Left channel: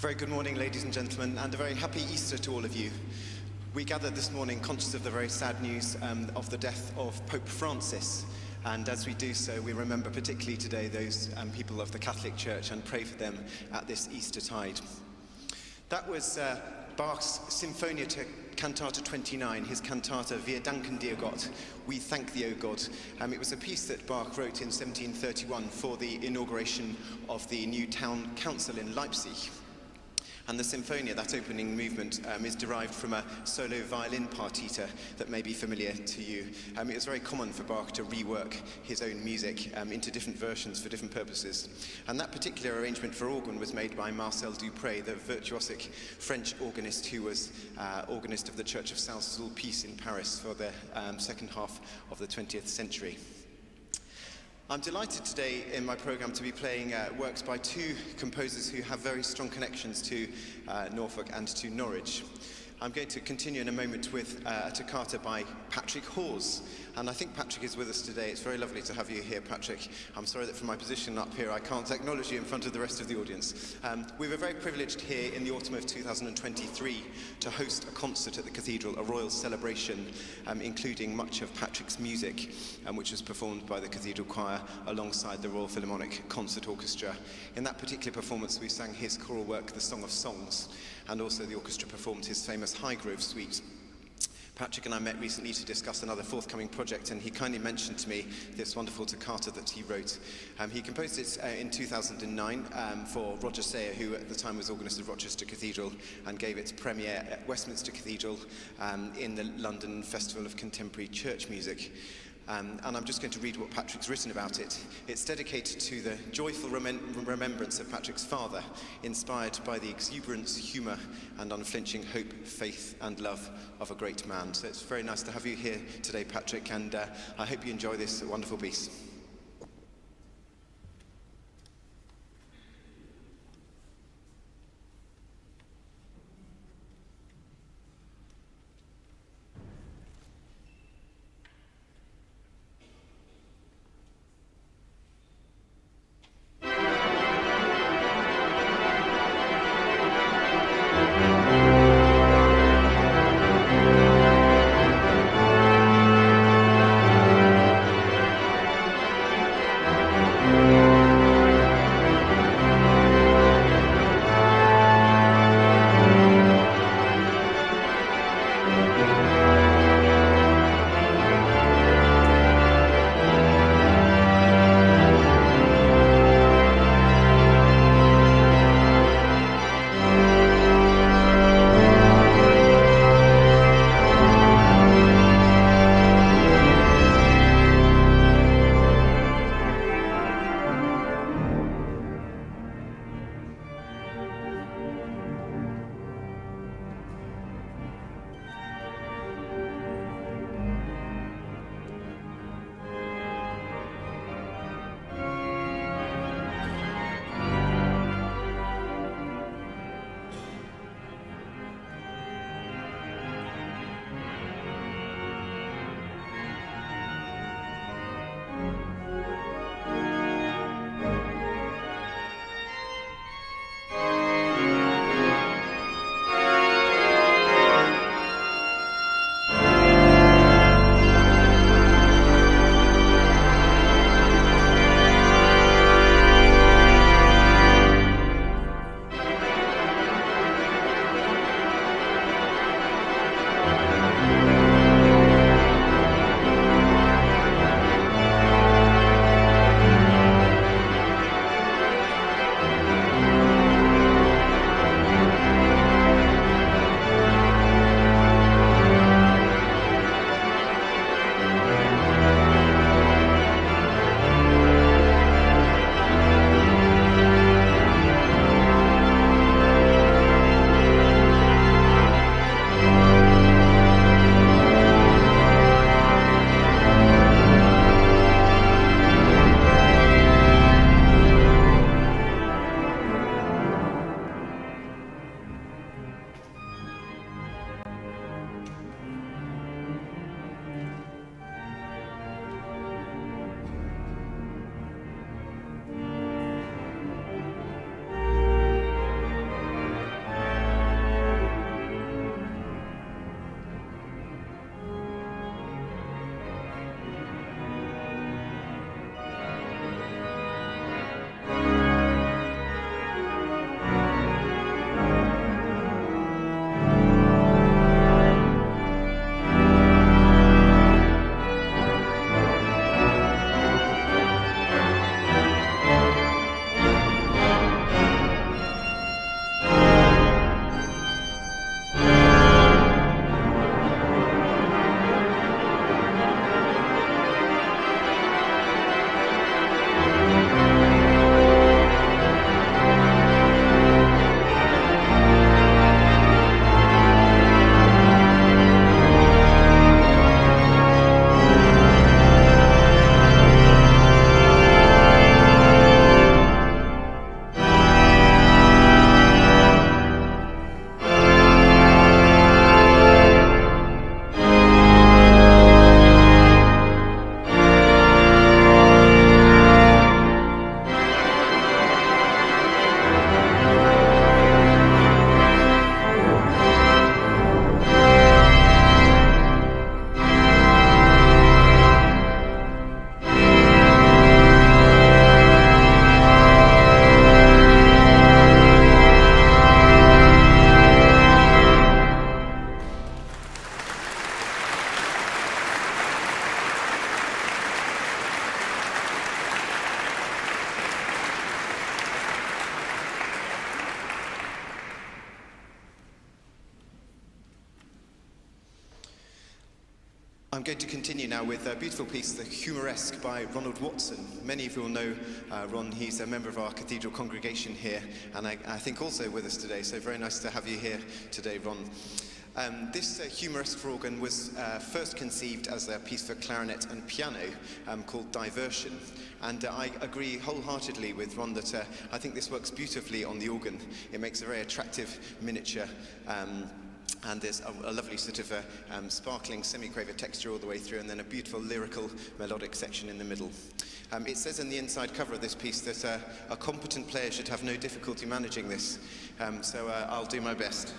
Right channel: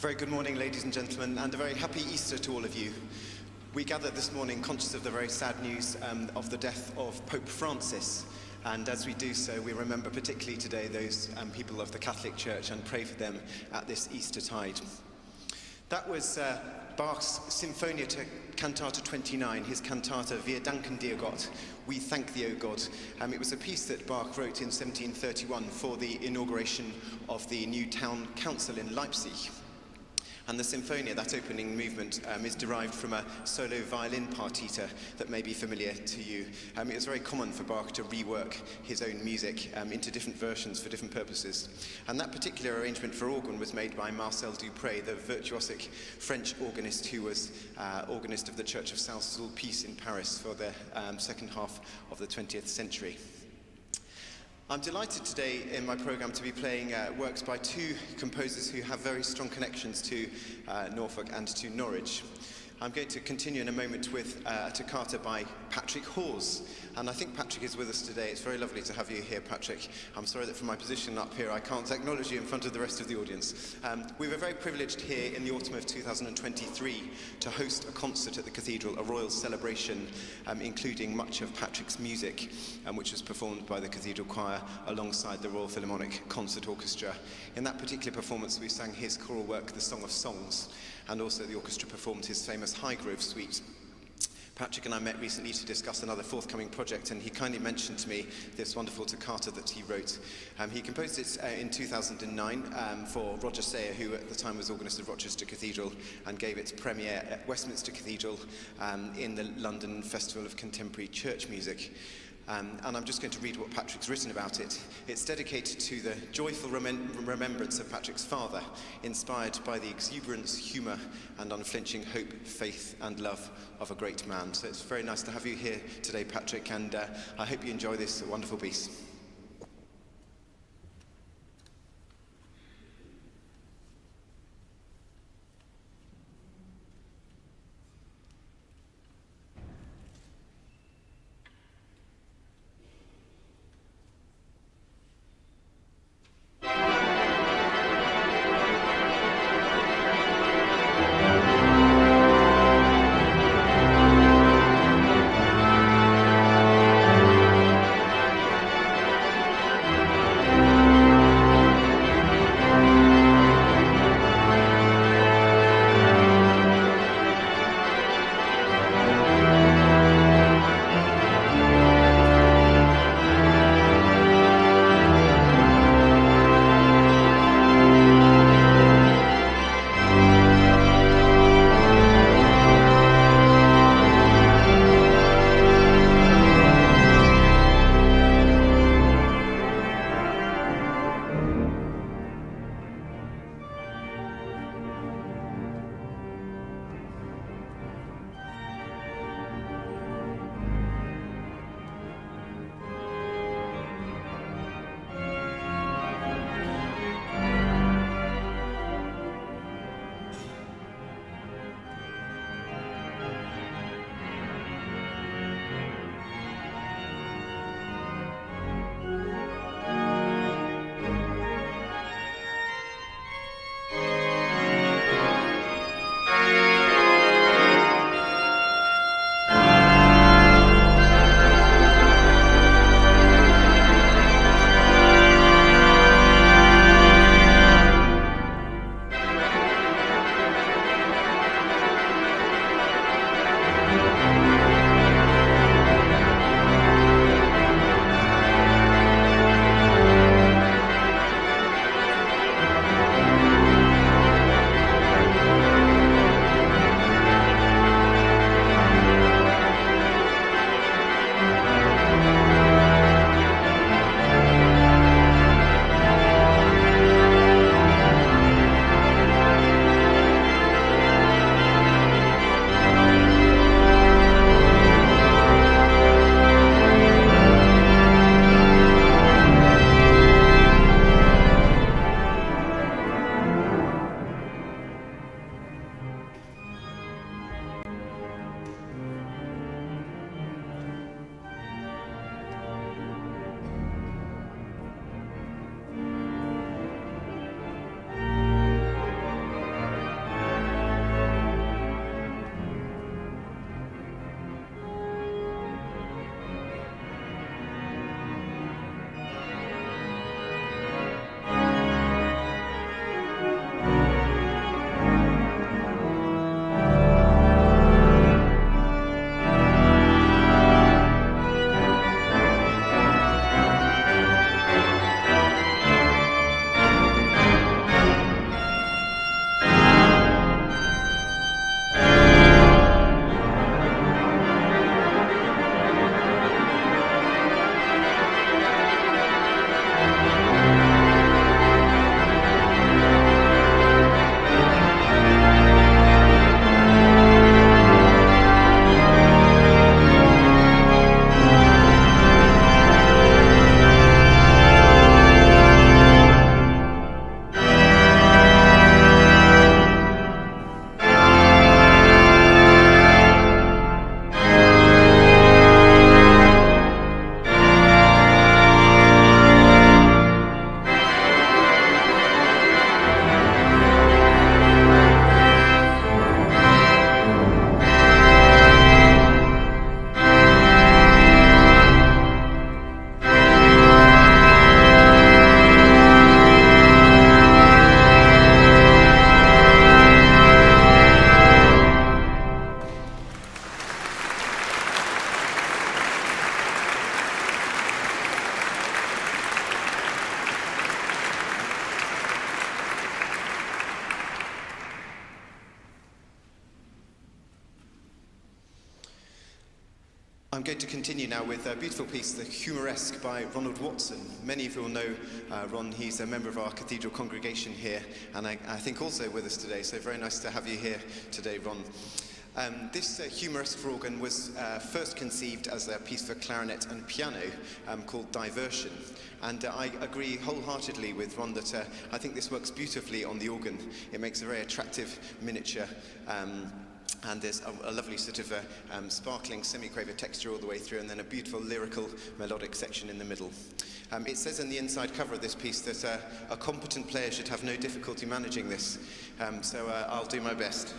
Very good morning, ladies and gentlemen, and a very happy Easter to all of you. We gathered this morning conscious of the very sad news of the death of Pope Francis. And as we do so, we remember particularly today those people of the Catholic Church and pray for them at this Easter tide. That was Bach's Sinfonia Cantata 29, his cantata Wir danken dir Gott, We Thank Thee, O God. It was a piece that Bach wrote in 1731 for the inauguration of the new town council in Leipzig. And the Sinfonia, that opening movement, is derived from a solo violin partita that may be familiar to you. It was very common for Bach to rework his own music into different versions for different purposes. And that particular arrangement for organ was made by Marcel Dupré, the virtuosic French organist who was organist of the Church of Saint-Sulpice in Paris for the second half of the 20th century. I'm delighted today in my programme to be playing works by two composers who have very strong connections to Norfolk and to Norwich. I'm going to continue in a moment with a toccata by Patrick Hawes. And I think Patrick is with us today. It's very lovely to have you here, Patrick. I'm sorry that from my position up here, I can't acknowledge you in front of the rest of the audience. We were very privileged here in the autumn of 2023 to host a concert at the Cathedral, a royal celebration, including much of Patrick's music, which was performed by the Cathedral Choir alongside the Royal Philharmonic Concert Orchestra. In that particular performance, we sang his choral work, The Song of Songs, and also the orchestra performed his famous Highgrove Suite. Patrick and I met recently to discuss another forthcoming project, and he kindly mentioned to me this wonderful toccata that he wrote. He composed it in 2009 for Roger Sayer, who at the time was organist of Rochester Cathedral, and gave its premiere at Westminster Cathedral in the London Festival of Contemporary Church Music. And I'm just going to read what Patrick's written about it. It's dedicated to the joyful remembrance of Patrick's father, inspired by the exuberance, humour, and unflinching hope, faith, and love of a great man. So it's very nice to have you here today, Patrick, and I hope you enjoy this wonderful piece. I'm going to continue now with a beautiful piece, The Humoresque by Ronald Watson. Many of you will know Ron. He's a member of our cathedral congregation here, and I think also with us today, so very nice to have you here today, Ron. This Humoresque for organ was first conceived as a piece for clarinet and piano called Diversion. And I agree wholeheartedly with Ron that I think this works beautifully on the organ. It makes a very attractive miniature and there's a lovely sort of sparkling semi-quaver texture all the way through, and then a beautiful lyrical melodic section in the middle. It says in the inside cover of this piece that a competent player should have no difficulty managing this, so I'll do my best.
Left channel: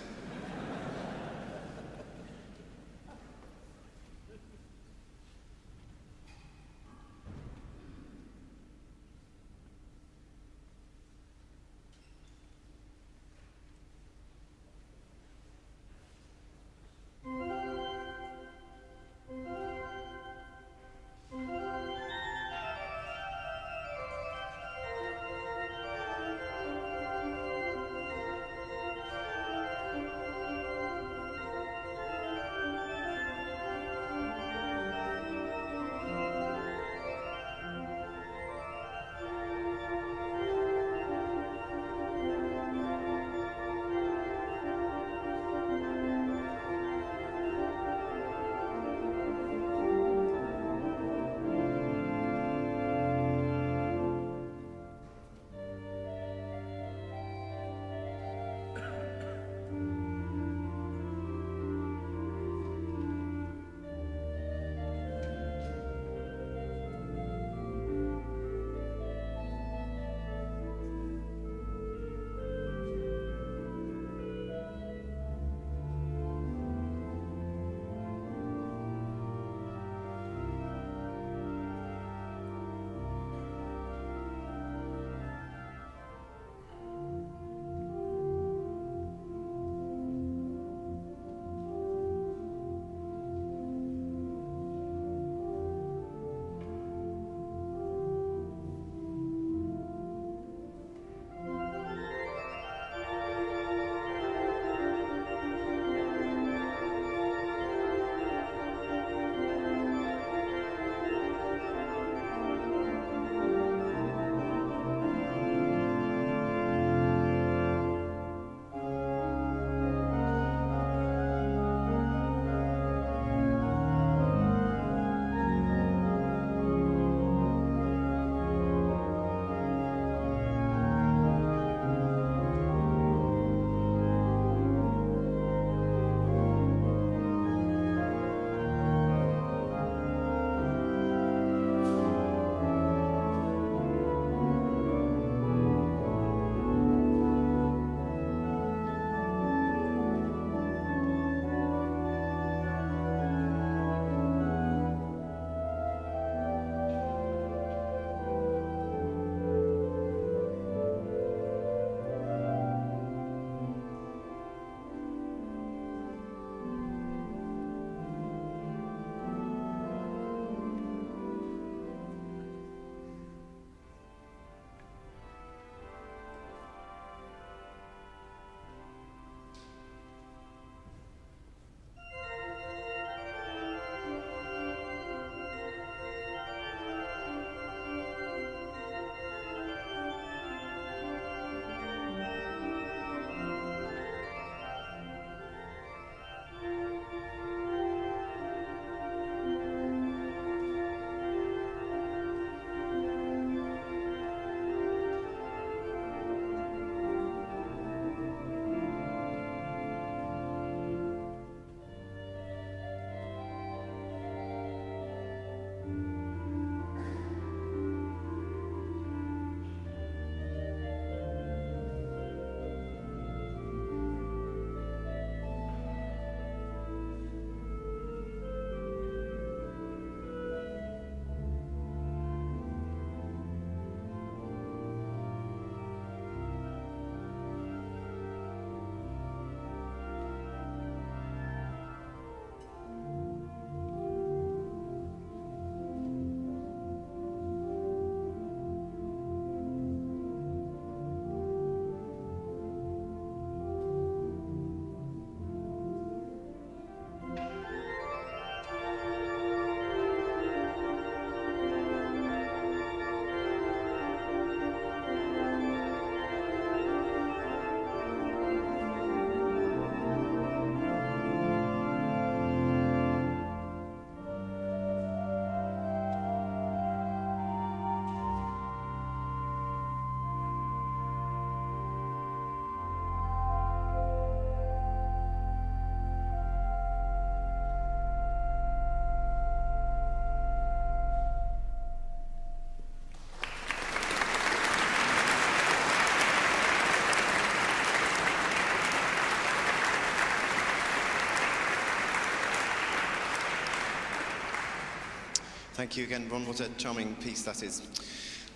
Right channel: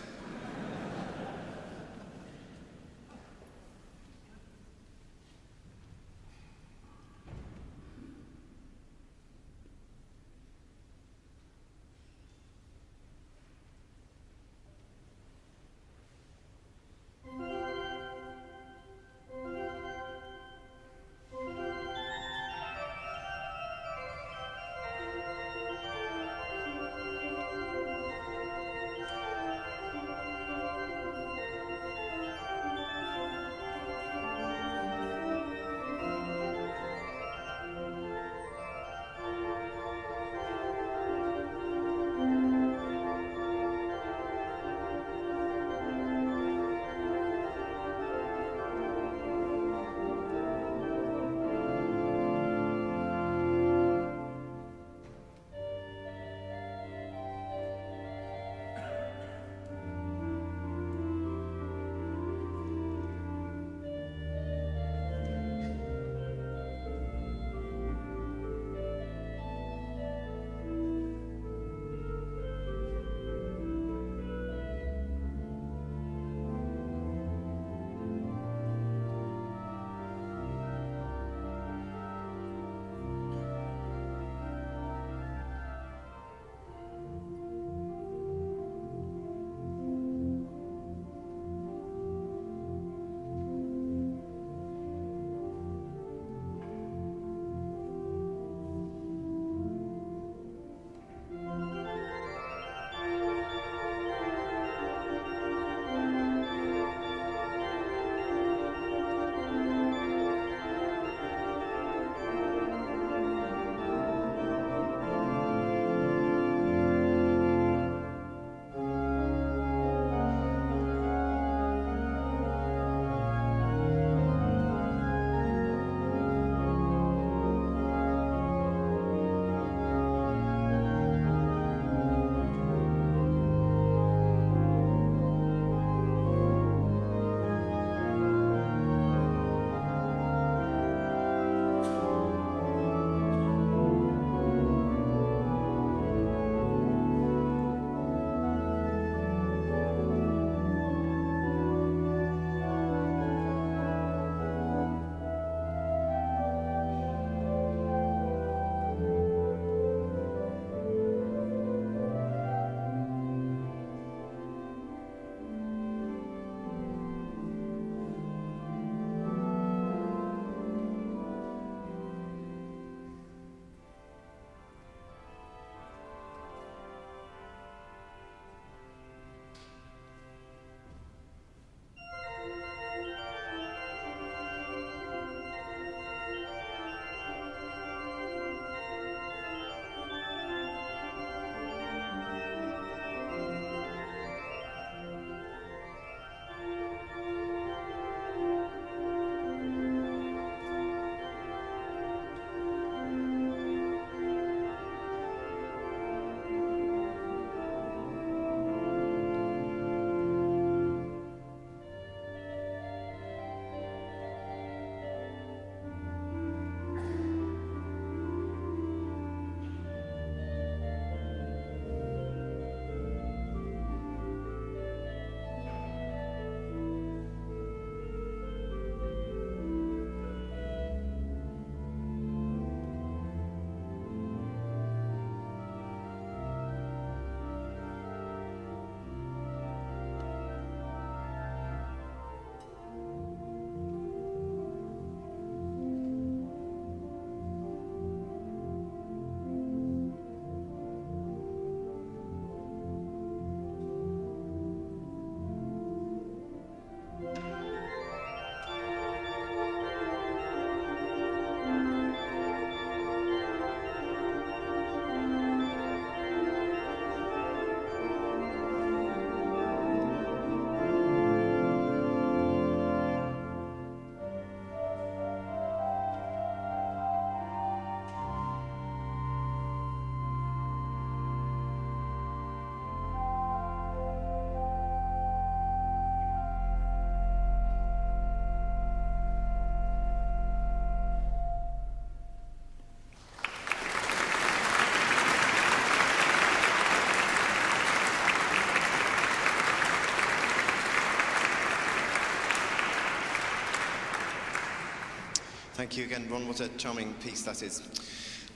Thank you again, Ron. What a charming piece that is.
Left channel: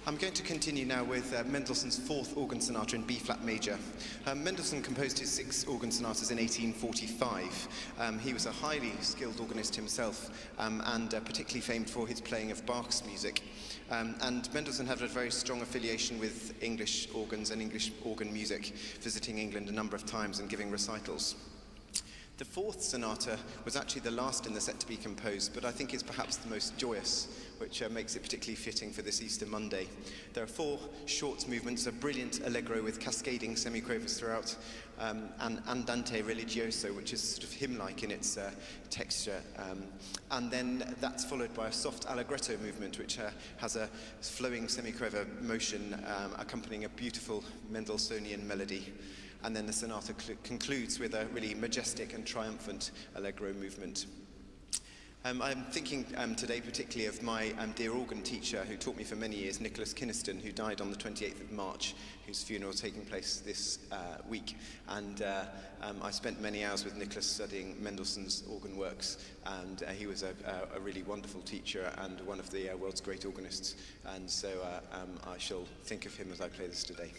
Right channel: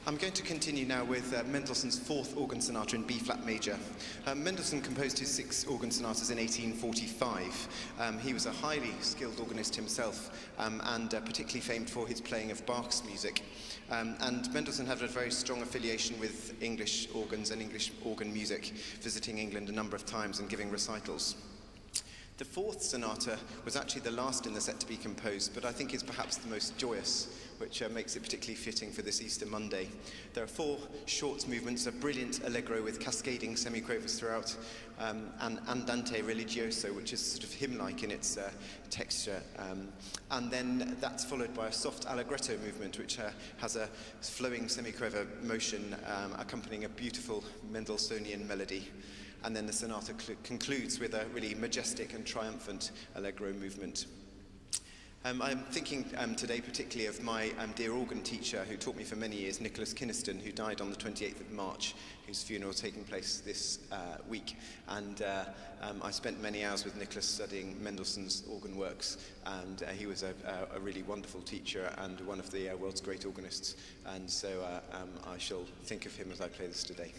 I'm going to continue now with Mendelssohn's Fourth Organ Sonata in B-flat major. Mendelssohn composed his 6 organ sonatas in 1845. He was a highly skilled organist himself, and particularly famed for his playing of Bach's music. And Mendelssohn had a very strong affiliation with English organs and English organ music, visiting England a number of times and giving recitals. The 4th sonata was actually the last in the set to be composed, but I think is perhaps the most joyous, which makes it particularly fitting for this Easter Monday. There are 4 short movements, a brilliant allegro with cascading semiquavers throughout, an andante religioso, which is sort of hymn-like in its texture, and then that's followed by a soft allegretto movement, which has a flowing semiquaver motion accompanying a beautiful Mendelssohnian melody. And then the sonata concludes with a really majestic and triumphant allegro movement. I'm thinking today particularly of my dear organ teacher who taught me for many years, Nicholas Kynaston, who died on the 28th of March, whose funeral is taking place this week. And I spent many hours with Nicholas studying Mendelssohn's organ works, and he was a really wonderful teacher and one of the world's great organists. And so I shall think of him as I play this today.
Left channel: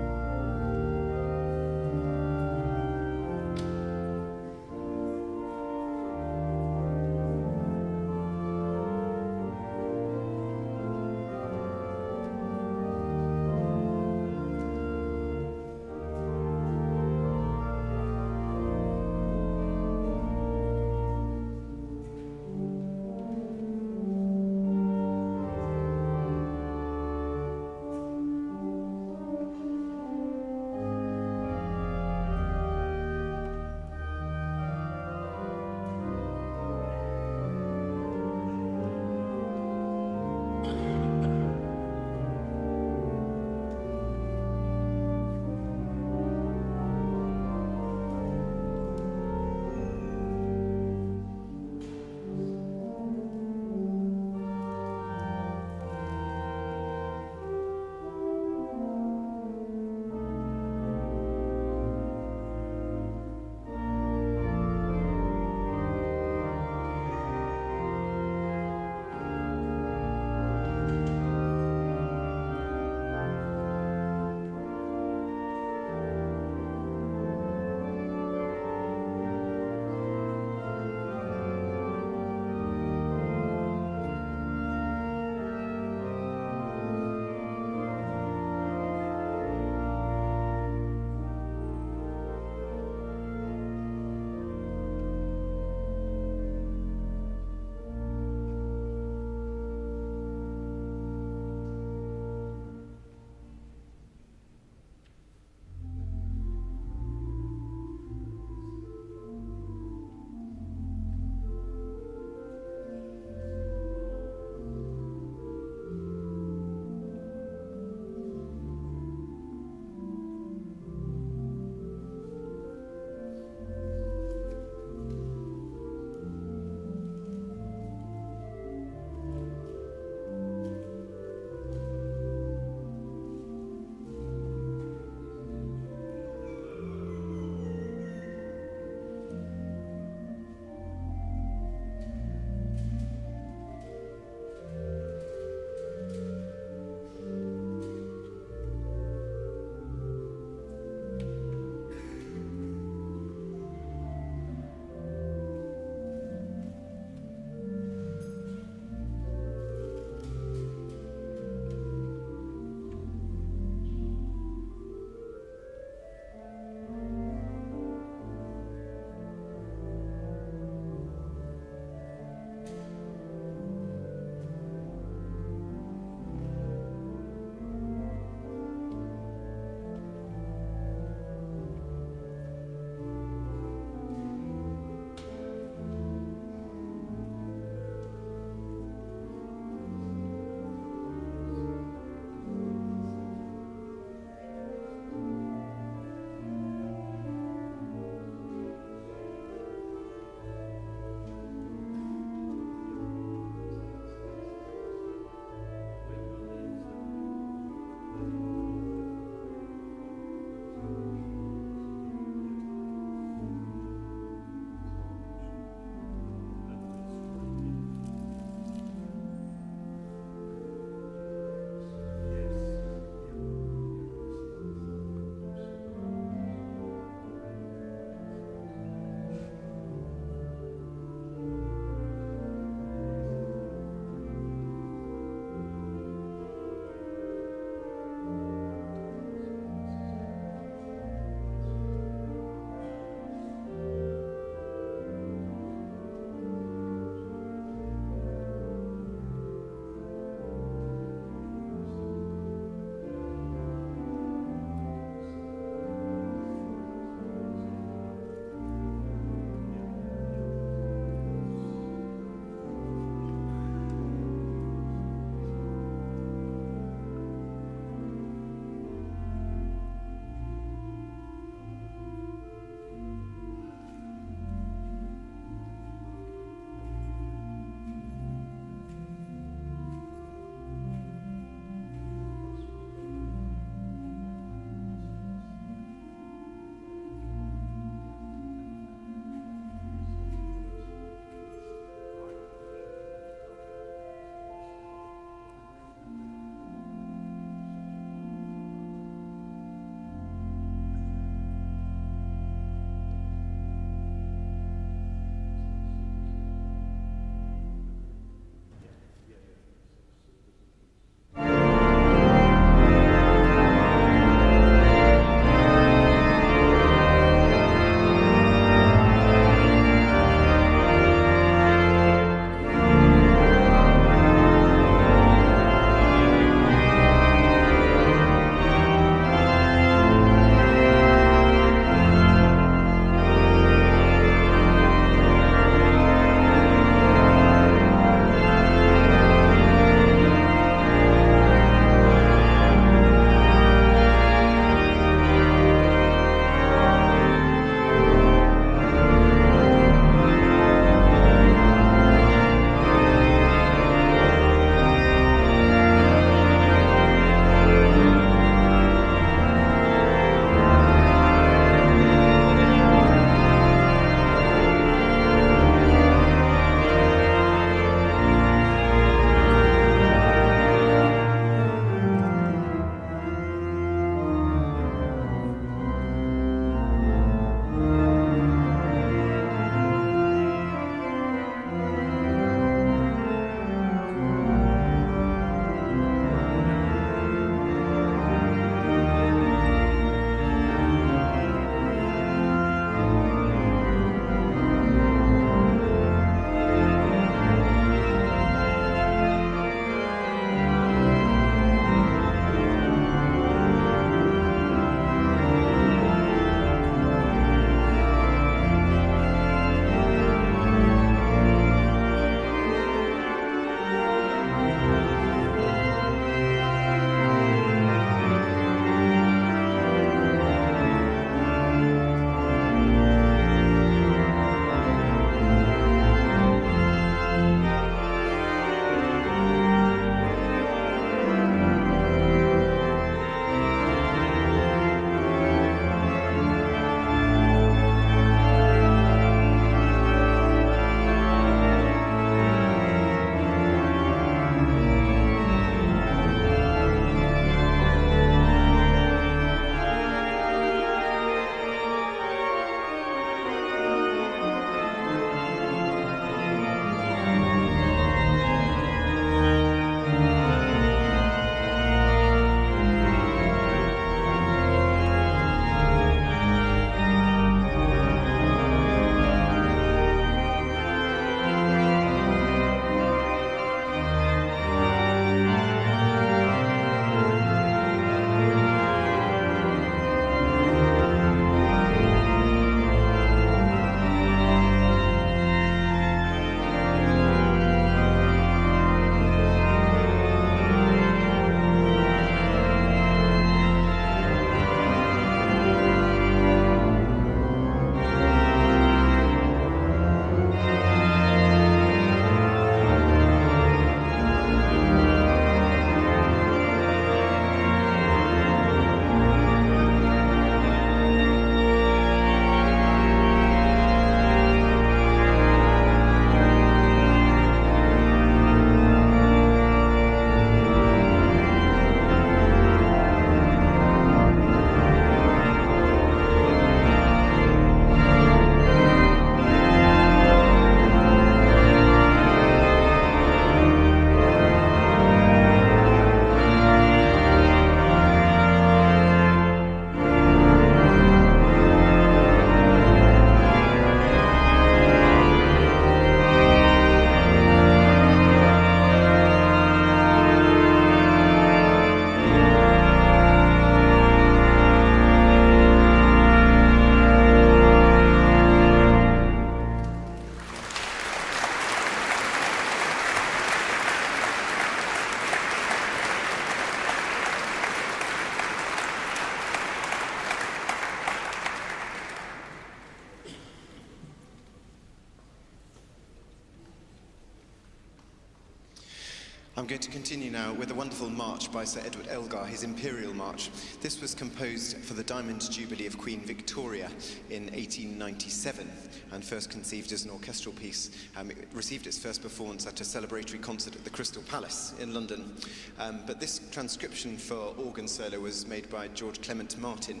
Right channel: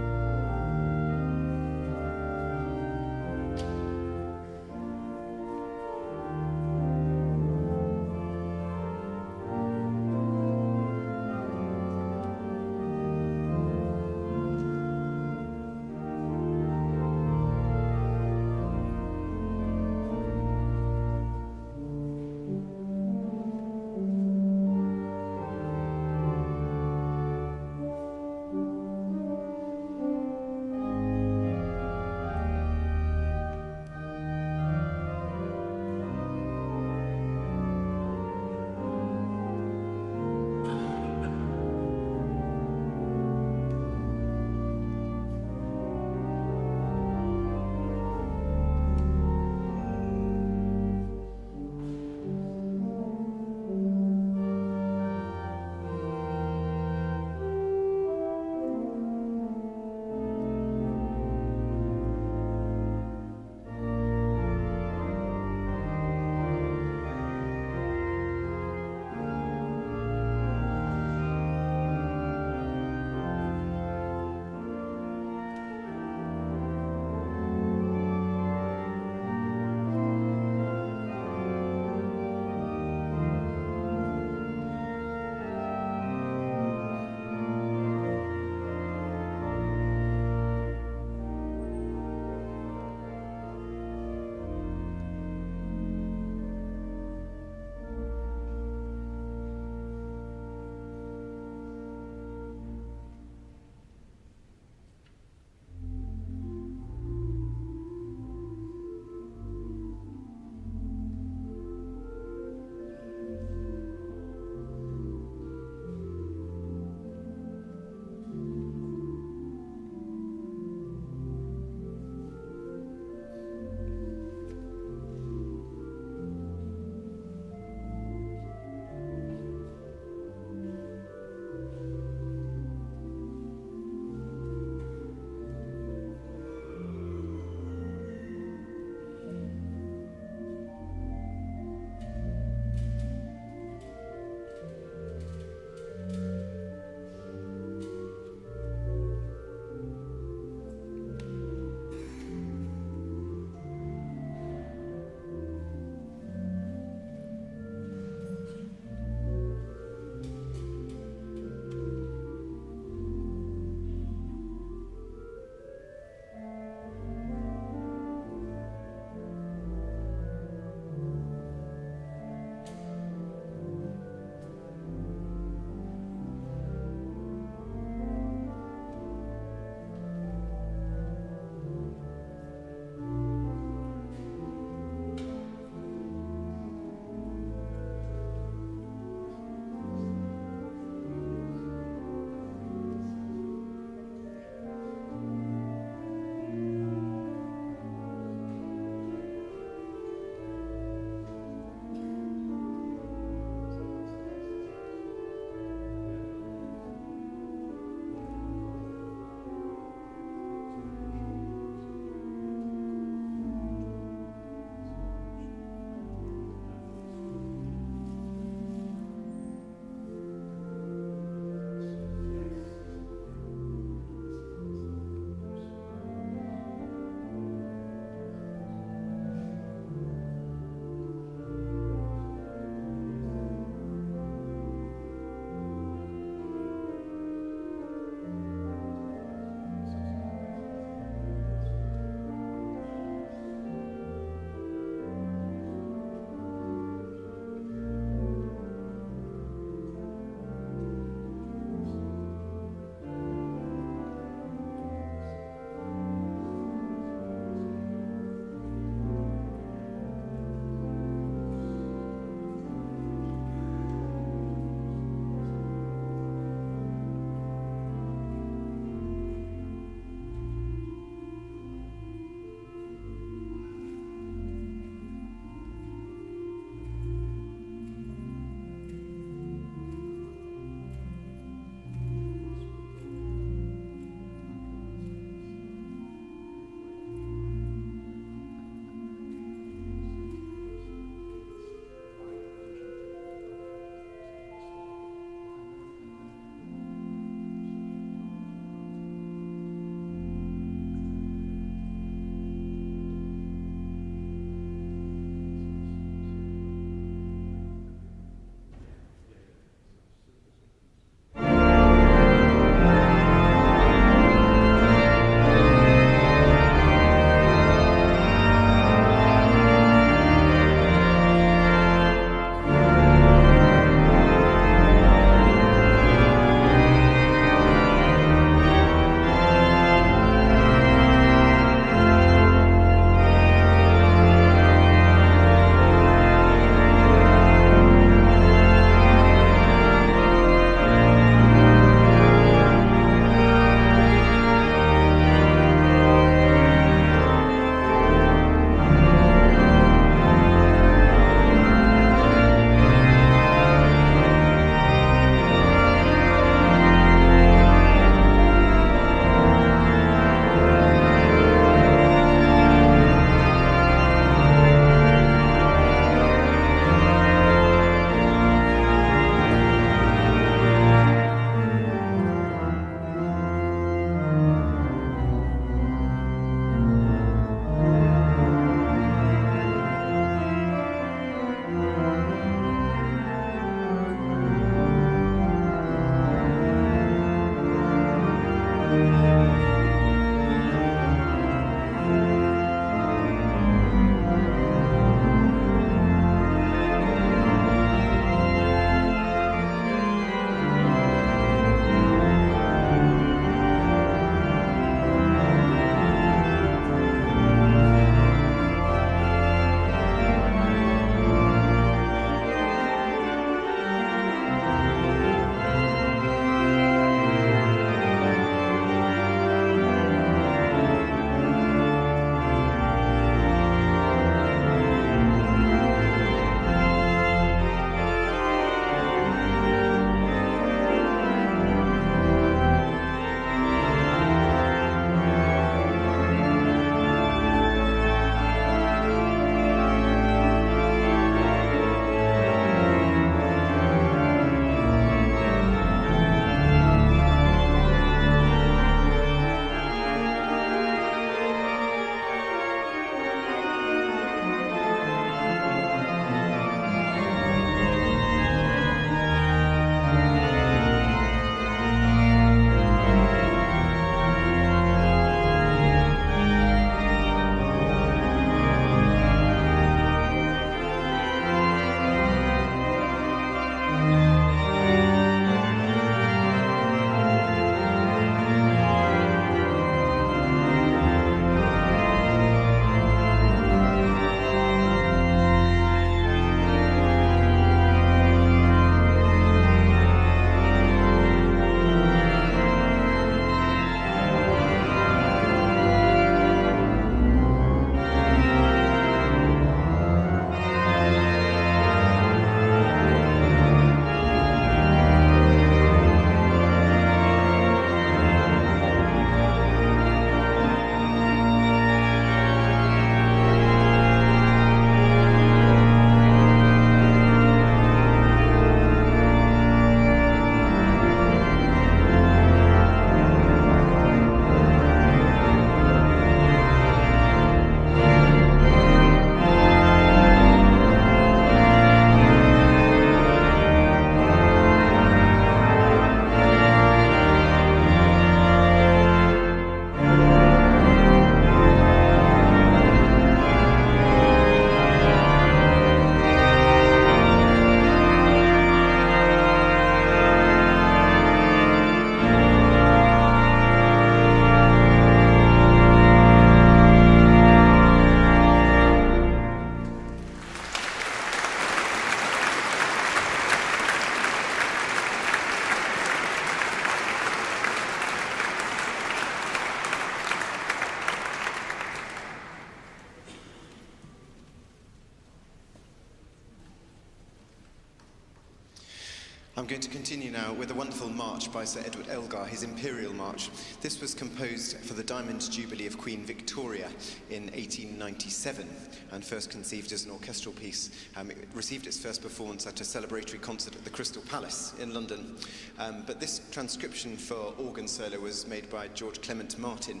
I'm going to continue now with a wonderful march by Sir Edward Elgar, his Imperial March. This was composed for the Diamond Jubilee of Queen Victoria in 1897 and first conceived as an orchestral piece. It received its first performance at a celebratory concert at the Crystal Palace in London. But this transcription for organ solo was made by George Clement Martin,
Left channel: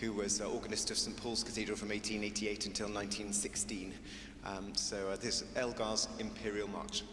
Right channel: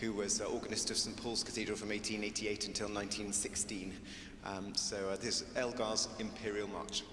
who was organist of St Paul's Cathedral from 1888 until 1916. So this is Elgar's Imperial March.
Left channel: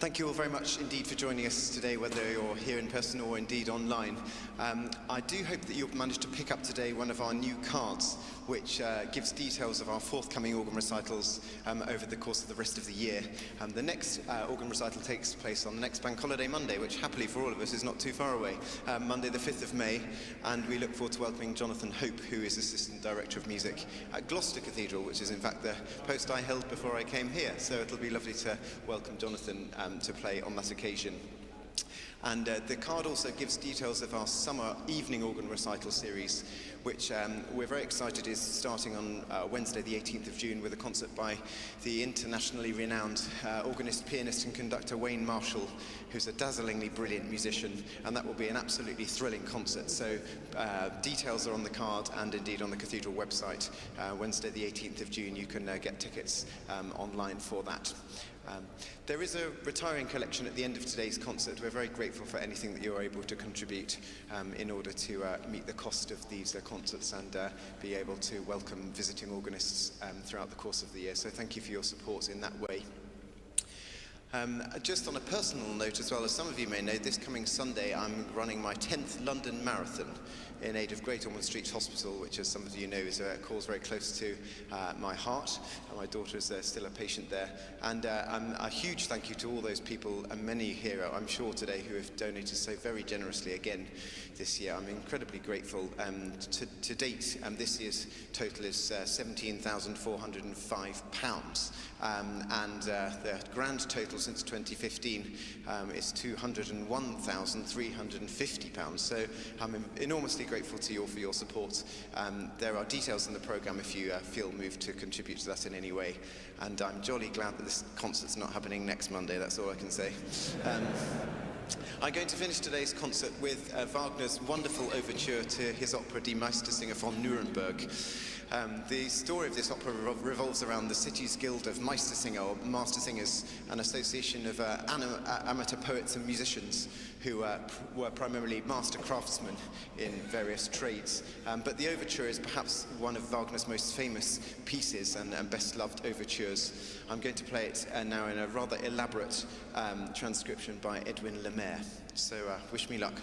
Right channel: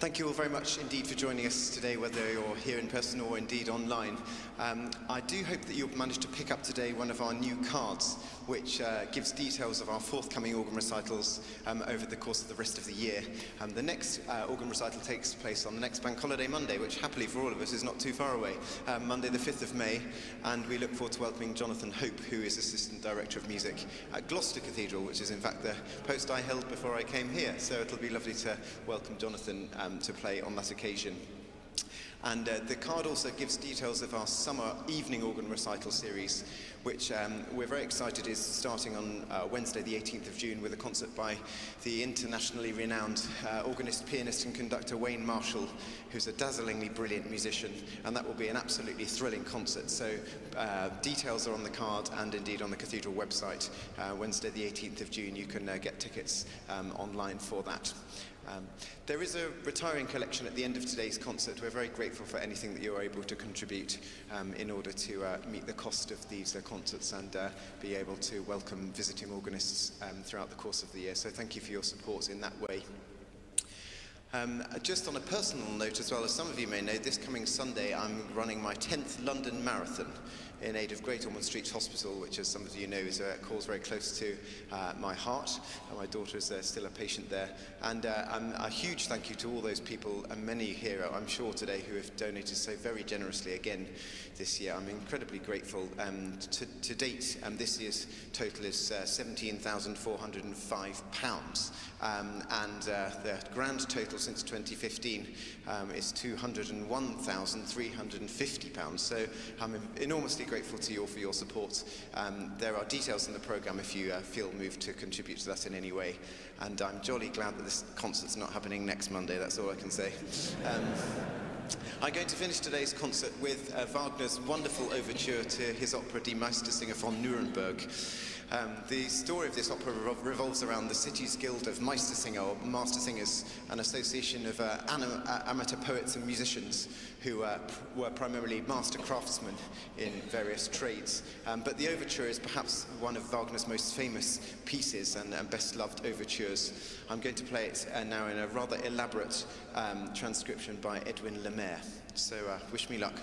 Thank you all very much indeed for joining us today, whether you're here in person or indeed online. I do hope that you'll manage to pick up today one of our new cards, which gives details of our forthcoming organ recitals over the course of the rest of the year. The next organ recital takes place on the next Bank Holiday Monday, which happily for all of us is not too far away, Monday the 5th of May, and we look forward to welcoming Jonathan Hope, who is Assistant Director of Music at Gloucester Cathedral, which is in fact the post I held before I came here. So it'll be lovely to welcome Jonathan to play on that occasion. And the card also gives details of our summer evening organ recital series, which we're very excited is starting on Wednesday the 18th of June with a concert by the internationally renowned organist, pianist and conductor Wayne Marshall, who's a dazzlingly brilliant musician, and that will be an absolutely thrilling concert. So details are on the card and indeed on the Cathedral website. Wednesday the 18th of June, you can get tickets online for that. There is a retiring collection at the end of today's concert. We're very grateful for anything that you're able to contribute in order to meet the cost of these concerts and be able to welcome visiting organists throughout the course of the year. So thank you for your support in that way. Just on a personal note as well, as some of you may know, this coming Sunday I'm running my 10th London Marathon in aid of Great Ormond Street Hospital, which, as some of you know, is a cause very close to my heart. My daughter is still a patient there. And a huge thank you to all those people, and many here, I'm sure, today, who have donated so very generously again this year. I'm incredibly grateful. To date, this year's total is £17,405. And the grand total since 2015 is £201,350. So I'm enormously grateful to you all for your support. There are details in the programme if you feel moved to contribute to that in any way. And I'm jolly glad that this concert's not happening next Monday, that's all I can say. I'm going to finish today's concert with Wagner's wonderful overture to his opera Die Meistersinger von Nuremberg. The story of this opera revolves around the city's guild of Meistersinger, or Master Singers, an association of amateur poets and musicians who were primarily master craftsmen in various trades. But the overture is perhaps one of Wagner's most famous pieces and best-loved overtures. I'm going to play it now in a rather elaborate transcription by Edwin Lemaire. So wish me luck.